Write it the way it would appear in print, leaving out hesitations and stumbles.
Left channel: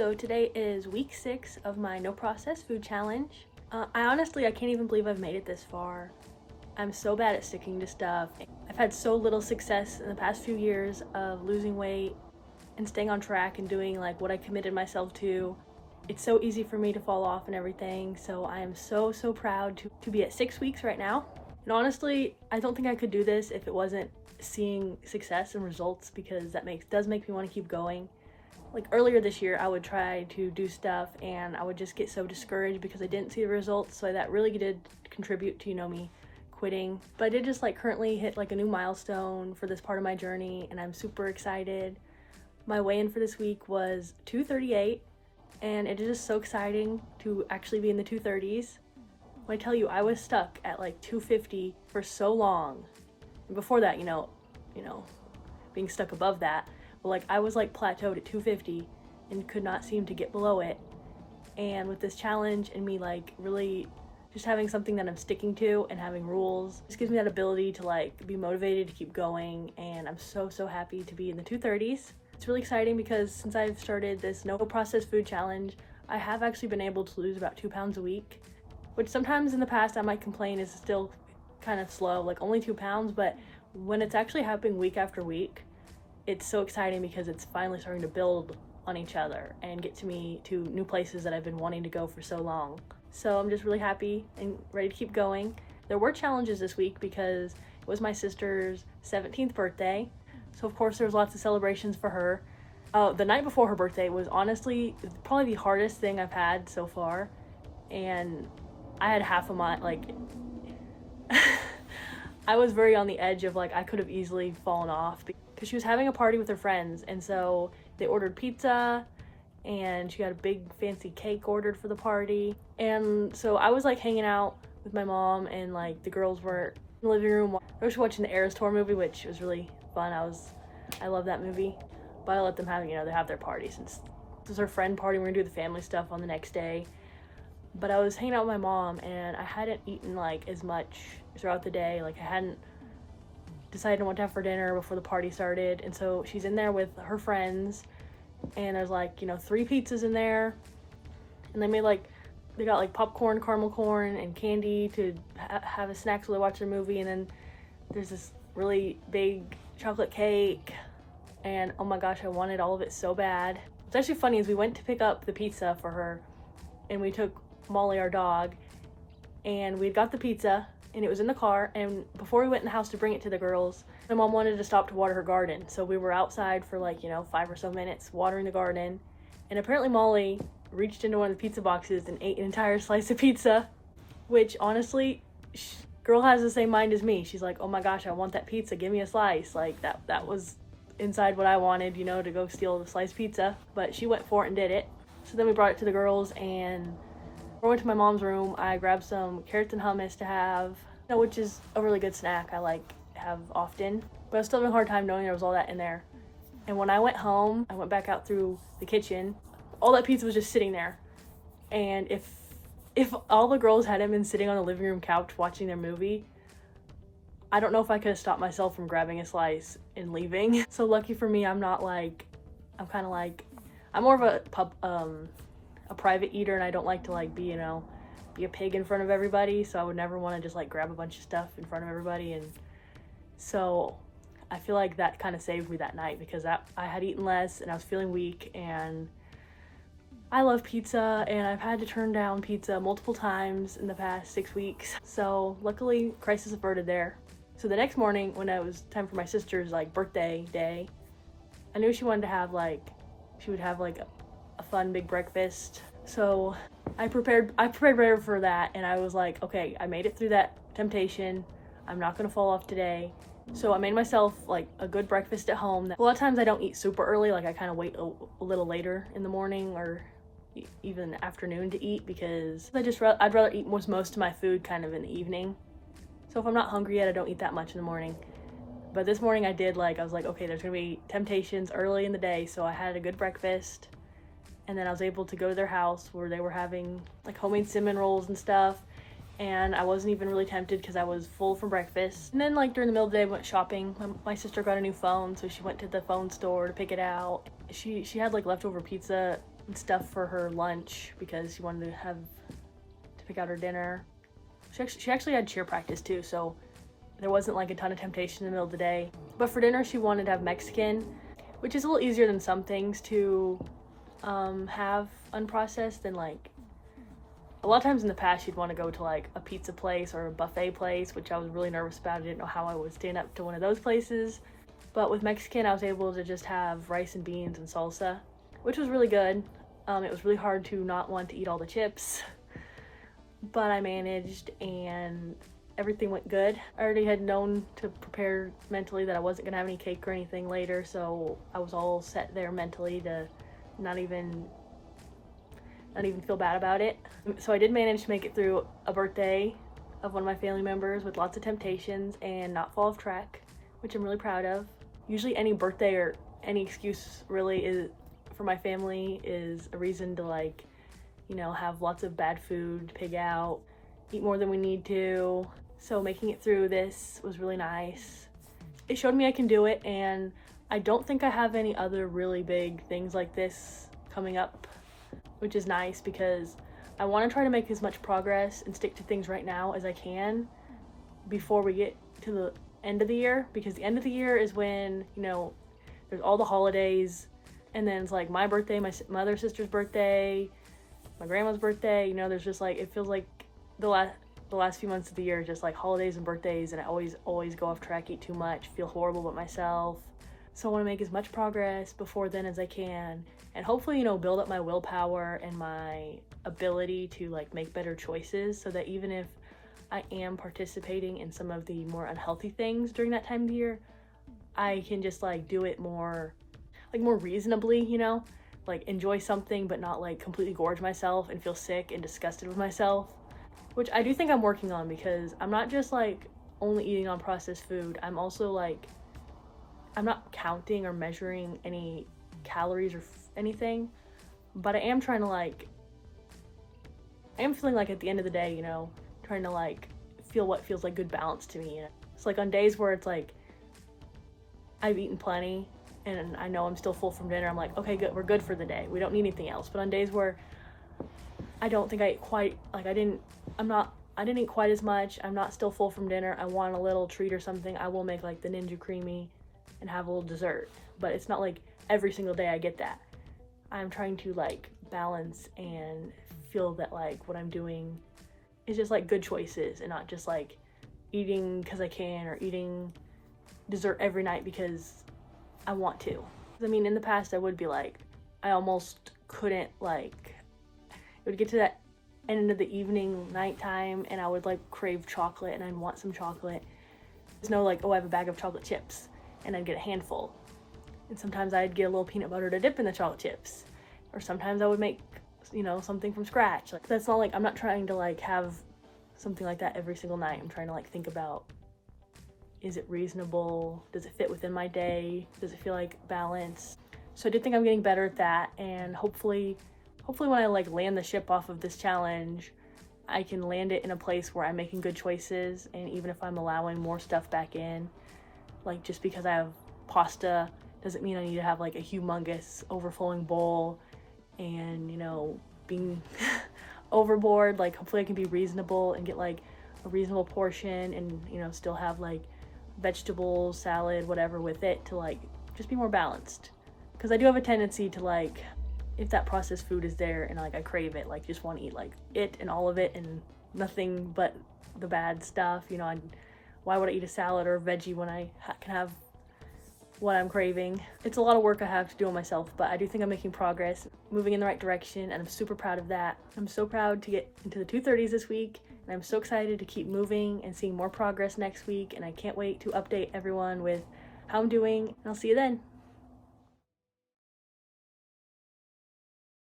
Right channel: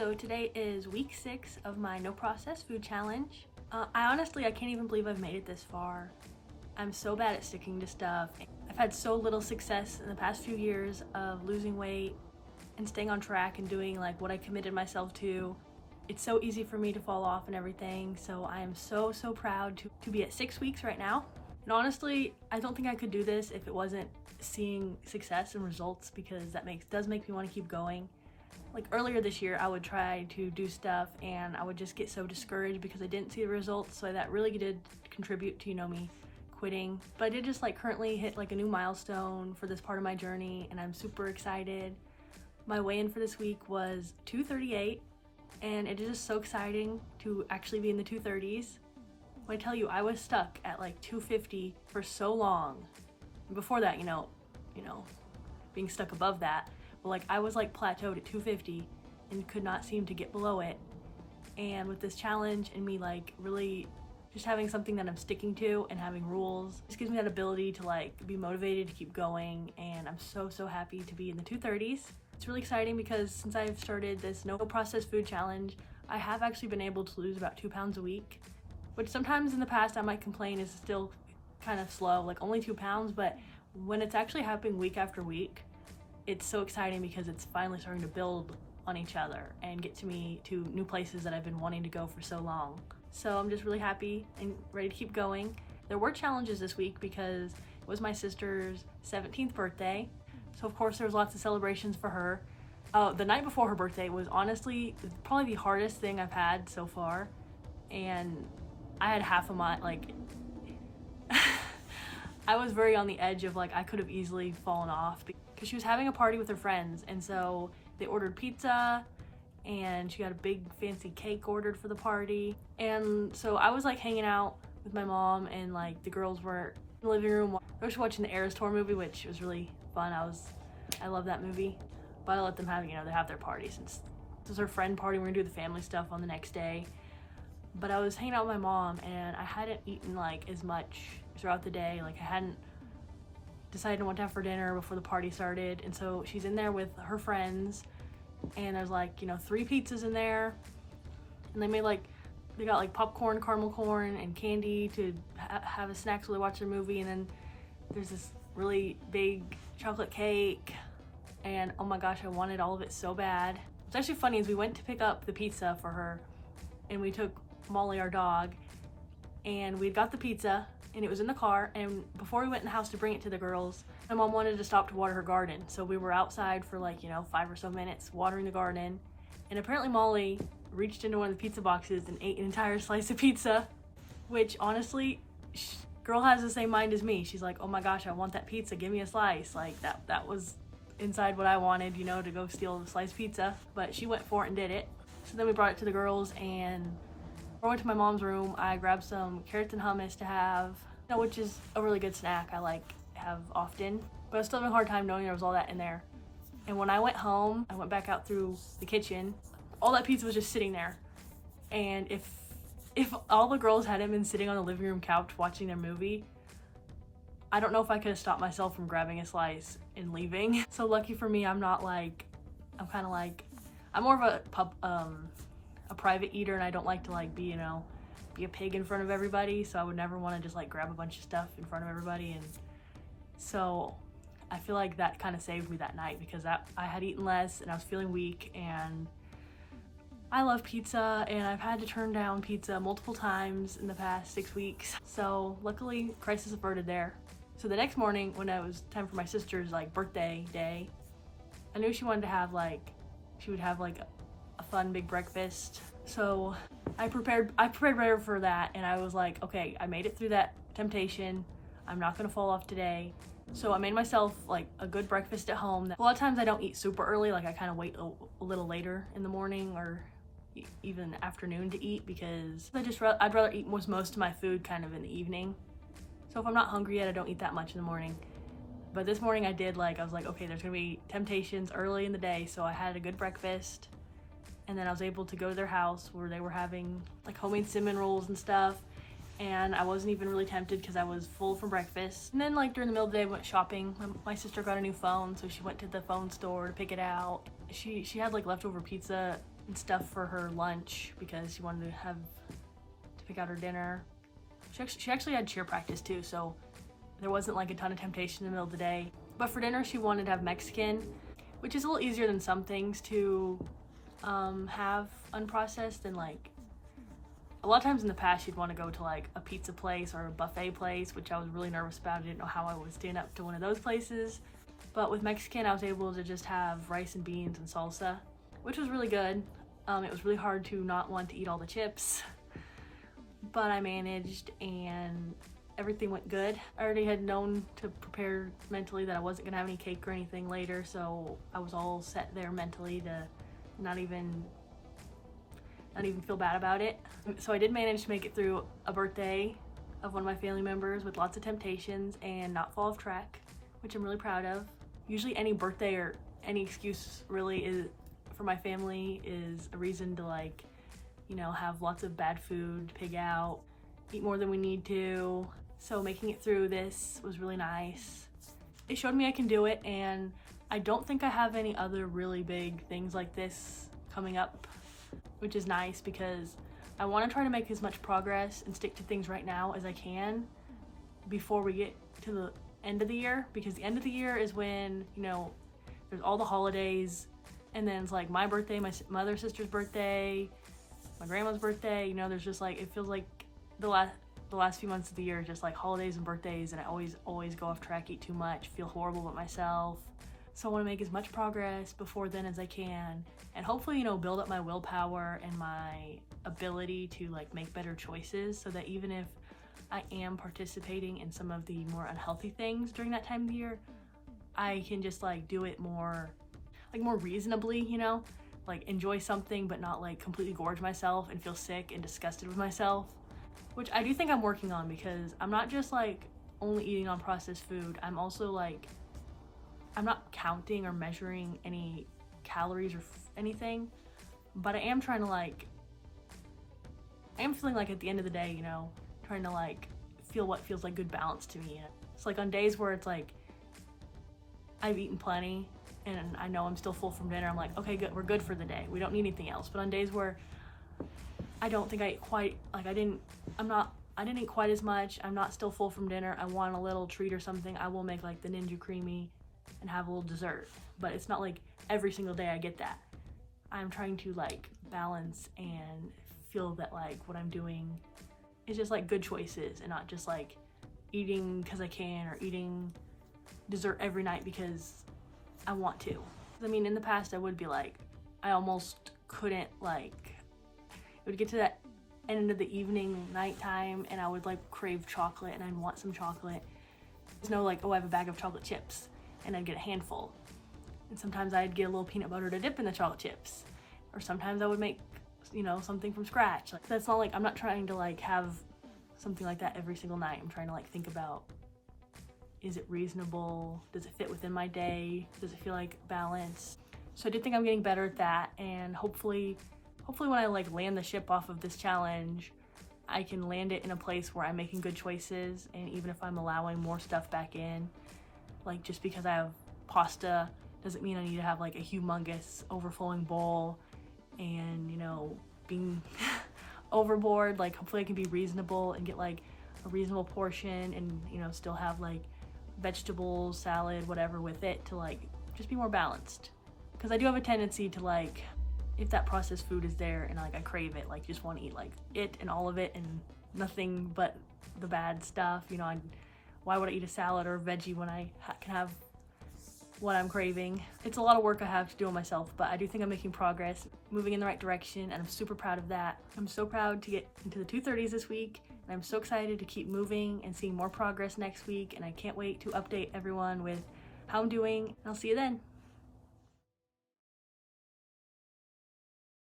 So today is week 6 of my no processed food challenge. I can't even believe I've made it this far. I'm so bad at sticking to stuff. I've had so little success in the past few years of losing weight and staying on track and doing like what I committed myself to. It's so easy for me to fall off and everything. So I am so proud to be at 6 weeks right now. And honestly, I don't think I could do this if it wasn't seeing success and results, because that does make me want to keep going. Like earlier this year, I would try to do stuff and I would just get so discouraged because I didn't see the results. So that really did contribute to, me quitting. But I did just currently hit a new milestone for this part of my journey, and I'm super excited. My weigh-in for this week was 238, and it is just so exciting to actually be in the 230s. When I tell you, I was stuck at 250 for so long. And before that, being stuck above that. But I was plateaued at 250 and could not seem to get below it. And with this challenge and me really just having something that I'm sticking to and having rules, just gives me that ability to be motivated to keep going. And I'm so happy to be in the 230s. It's really exciting because since I've started this no processed food challenge, I have actually been able to lose about 2 pounds a week, which sometimes in the past I might complain is still kind of slow, only 2 pounds. But when it's actually happening week after week, it's so exciting because it's finally starting to build on each other and get me to new places that I've been wanting to go for so long. So I'm just really happy and ready to keep going. There were challenges this week because it was my sister's 17th birthday. So of course there was lots of celebrations for her. The night before her birthday was honestly probably the hardest thing I've had so far. And I had half of my, I was very on the edge of I could have easily fallen off, because she was having a party with her friends, and so they ordered pizza and she got a big fancy cake ordered for the party. And so I was hanging out with my mom, and the girls were in the living room. I was watching the Eras Tour movie, which was really fun. I love that movie, but I let them have, they have their party since this was her friend party. We're gonna do the family stuff on the next day. But I was hanging out with my mom and I hadn't eaten as much throughout the day. I hadn't decided what to have for dinner before the party started. And so she's in there with her friends, and there's 3 pizzas in there, and they made they got popcorn, caramel corn, and candy to have a snack while they watch their movie. And then there's this really big chocolate cake, and oh my gosh, I wanted all of it so bad. What's actually funny is we went to pick up the pizza for her, and we took Molly, our dog, and we got the pizza and it was in the car. And before we went in the house to bring it to the girls, my mom wanted to stop to water her garden. So we were outside for 5 or so minutes watering the garden. And apparently Molly reached into one of the pizza boxes and ate an entire slice of pizza, which honestly, girl has the same mind as me. She's like, oh my gosh, I want that pizza. Give me a slice. That was inside what I wanted, to go steal the sliced pizza. But she went for it and did it. So then we brought it to the girls, and I went to my mom's room. I grabbed some carrots and hummus to have, which is a really good snack I have often. But I was still having a hard time knowing there was all that in there. And when I went home, I went back out through the kitchen. All that pizza was just sitting there. And if all the girls hadn't been sitting on the living room couch watching their movie, I don't know if I could have stopped myself from grabbing a slice and leaving. So lucky for me, I'm not I'm kind of I'm more of a private eater, and I don't like to be a pig in front of everybody. So I would never want to just grab a bunch of stuff in front of everybody. And so I feel that kind of saved me that night, because I had eaten less and I was feeling weak. And I love pizza, and I've had to turn down pizza multiple times in the past 6 weeks. So luckily, crisis averted there. So the next morning, when it was time for my sister's birthday day, I knew she wanted to have she would have a fun big breakfast. So I prepared better for that, and I was okay, I made it through that temptation. I'm not gonna fall off today. So I made myself a good breakfast at home. A lot of times I don't eat super early. I kind of wait a little later in the morning or even afternoon to eat, because I'd rather eat most of my food kind of in the evening. So if I'm not hungry yet, I don't eat that much in the morning. But this morning I did. I was okay, there's gonna be temptations early in the day, so I had a good breakfast. And then I was able to go to their house where they were having homemade cinnamon rolls and stuff. And I wasn't even really tempted because I was full from breakfast. And then during the middle of the day, I went shopping. My sister got a new phone, so she went to the phone store to pick it out. She had leftover pizza and stuff for her lunch because she wanted to pick out her dinner. She actually had cheer practice too, so there wasn't like a ton of temptation in the middle of the day. But for dinner, she wanted to have Mexican, which is a little easier than some things to have unprocessed than like a lot of times in the past she'd want to go to like a pizza place or a buffet place, which I was really nervous about. I didn't know how I would stand up to one of those places. But with Mexican, I was able to just have rice and beans and salsa, which was really good. It was really hard to not want to eat all the chips, but I managed and everything went good. I already had known to prepare mentally that I wasn't gonna have any cake or anything later, so I was all set there mentally to not even feel bad about it. So I did manage to make it through a birthday of one of my family members with lots of temptations and not fall off track, which I'm really proud of. Usually any birthday or any excuse really is for my family is a reason to like, you know, have lots of bad food, pig out, eat more than we need to. So making it through this was really nice. It showed me I can do it, and I don't think I have any other really big things like this coming up, which is nice because I want to try to make as much progress and stick to things right now as I can before we get to the end of the year, because the end of the year is when, you know, there's all the holidays, and then it's like my birthday, my other sister's birthday, my grandma's birthday, you know, there's just like, it feels like the last few months of the year, just like holidays and birthdays, and I always go off track, eat too much, feel horrible about myself. So I want to make as much progress before then as I can, and hopefully, you know, build up my willpower and my ability to like make better choices, so that even if I am participating in some of the more unhealthy things during that time of the year, I can just like do it more reasonably, you know, like enjoy something but not like completely gorge myself and feel sick and disgusted with myself, which I do think I'm working on, because I'm not just like only eating on processed food. I'm also like, I'm not counting or measuring any calories or anything, but I am trying to like, I am feeling like at the end of the day, you know, trying to like feel what feels like good balance to me. It's like on days where it's like I've eaten plenty and I know I'm still full from dinner, I'm like, okay, good, we're good for the day, we don't need anything else. But on days where I don't think I ate quite, like I didn't eat quite as much, I'm not still full from dinner, I want a little treat or something, I will make like the Ninja Creamy and have a little dessert. But it's not like every single day I get that. I'm trying to like balance and feel that like what I'm doing is just like good choices and not just like eating because I can or eating dessert every night because I want to. I mean, in the past I would be like, I almost couldn't, like, it would get to that end of the evening, nighttime, and I would like crave chocolate and I'd want some chocolate. There's no like, oh, I have a bag of chocolate chips, and I'd get a handful. And sometimes I'd get a little peanut butter to dip in the chocolate chips. Or sometimes I would make, you know, something from scratch. Like, that's not like, I'm not trying to like have something like that every single night. I'm trying to like think about, is it reasonable? Does it fit within my day? Does it feel like balance? So I do think I'm getting better at that, and hopefully when I like land the ship off of this challenge, I can land it in a place where I'm making good choices, and even if I'm allowing more stuff back in, like just because I have pasta doesn't mean I need to have like a humongous overflowing bowl and, you know, being overboard. Like hopefully I can be reasonable and get like a reasonable portion and, you know, still have like vegetables, salad, whatever with it to like just be more balanced. Because I do have a tendency to like, if that processed food is there and like I crave it, like just want to eat like it and all of it and nothing but the bad stuff, you know. Why would I eat a salad or a veggie when I can have what I'm craving? It's a lot of work I have to do on myself, but I do think I'm making progress, moving in the right direction, and I'm super proud of that. I'm so proud to get into the 230s this week, and I'm so excited to keep moving and seeing more progress next week, and I can't wait to update everyone with how I'm doing, and I'll see you then.